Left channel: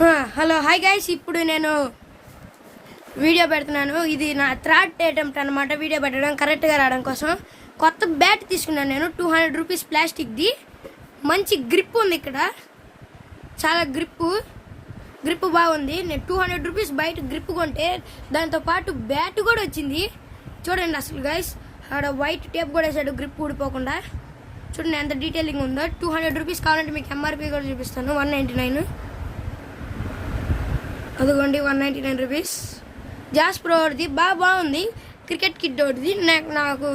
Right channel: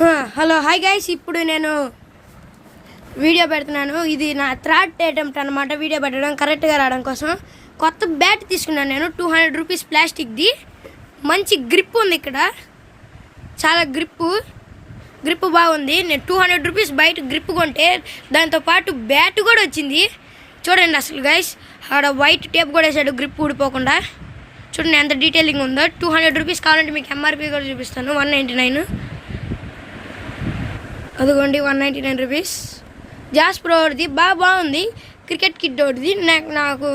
Hello hi guys, ఇప్పుడు నేను video పెడుతున్నాను. ఇది నా థర్డ్ అటెంప్ట్ అనమాట వీడియో పెట్టడం కరెక్ట్గా రావడం కోసం. కొత్త బ్యాట్ తీసుకున్నాను నేను, 200 రూపీస్ ప్లాస్టిక్ది. మంచి గ్రిప్ ఉంది, ఇక్కడ చాలా గ్రిప్ బాగుంది. నేను 200 రూపీస్ బయట గ్రిప్ కొంటే దాంతోపాటు బ్యాట్ కూడా వచ్చింది. చూడండి అసలు గైస్, ఆడ వైట్ టేప్ కూడా వేసాడు గ్రిప్ ఊడిపోకుండా. చూడండి ఎంత డీటెయిలింగ్ ఉందో. 200 రూపీస్ కావాలంటే మీకు ఎంఆర్పీ కూడా చూపిస్తాను. 199 అదిగోండి, 199 రూపీస్. జాస్ ప్రోది బాగుంది. క్రికెట్ కిట్ ఒకటిది, నాకు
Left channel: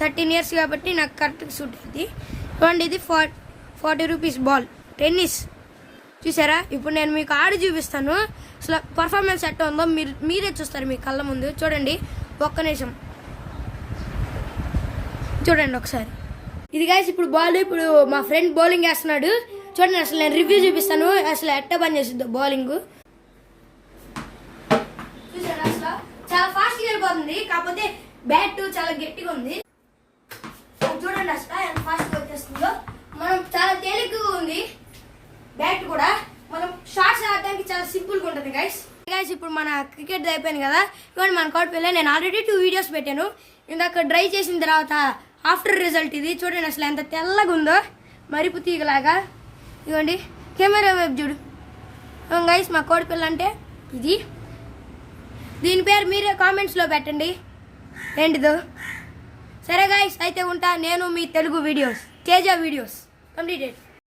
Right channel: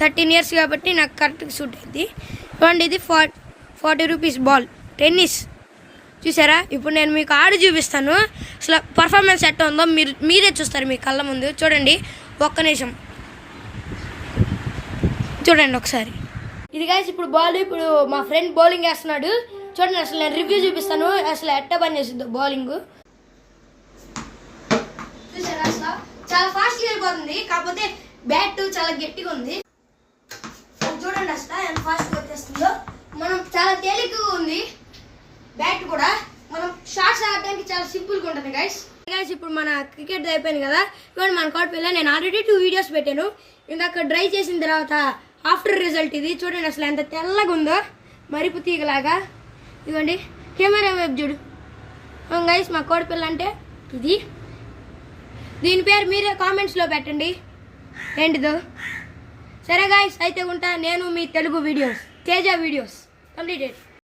13 ఇయర్స్ కాబట్టి నాకు కరెక్ట్గా సూట్ అవుతుంది. ఇవ్వండి, ఇది 40 రూపీస్ బాల్ టెన్నిస్. చూసారా? ఇప్పుడు నేను మీకు ఆడి చూపిస్తాను. అసలు పర్ఫార్మెన్స్ ఎట్లా ఉందో మీరే చూస్తారు మీ కళ్ళ ముందు. చూడండి, ఒక్క నిమిషం చూడండి ఒకసారి. ఇది గాయస్ ఇప్పుడు బాల్. ఇప్పుడు మా ఫ్రెండ్ బౌలింగ్ వేస్తున్నాడు. చూడండి, అసలు నేను రివ్యూ చూపిస్తాను అసలు ఎట్లా పని చేస్తుందో బౌలింగ్. చూసారా? అసలు చాలా ఫాస్ట్గా వెళ్ళిపోతుంది, కాకపోతే బ్యాట్ చాలా గట్టిగా ఉంది. చూడండి అసలు ఎంత ఫాస్ట్గా వచ్చేస్తుందో. మనం చాలా తేలికగా ఉంది బ్యాట్ కూడా. మనం షాట్స్ ఆడడానికి చాలా సింపుల్గా ఉంటుంది గైస్. ఇప్పుడు మన క్రికెట్ అయిపోయింది కదా. ఇవ్వండి మన కోట్ పిల్ల. నేను ఆల్రెడీ 2 వీడియోస్ పెట్టాను. ఇందాక డ్రై చేసిన తర్వాత ఆఫ్టర్ రిజల్ట్ ఇది. చూడండి అసలు ఎంత తెల్లగా ఉందో, మరిపు తీగలాగా. ఇవ్వండి కెమెరా వైపు చూడు గైస్. మా కోడి పిల్ల అంటే ఇది. దీని పేరు మీరే కామెంట్స్లో పెట్టండి ఏంటిదో. సరే గైస్, అయితే ఉంటా. నేను మీ Telugu videos Teja videos completed.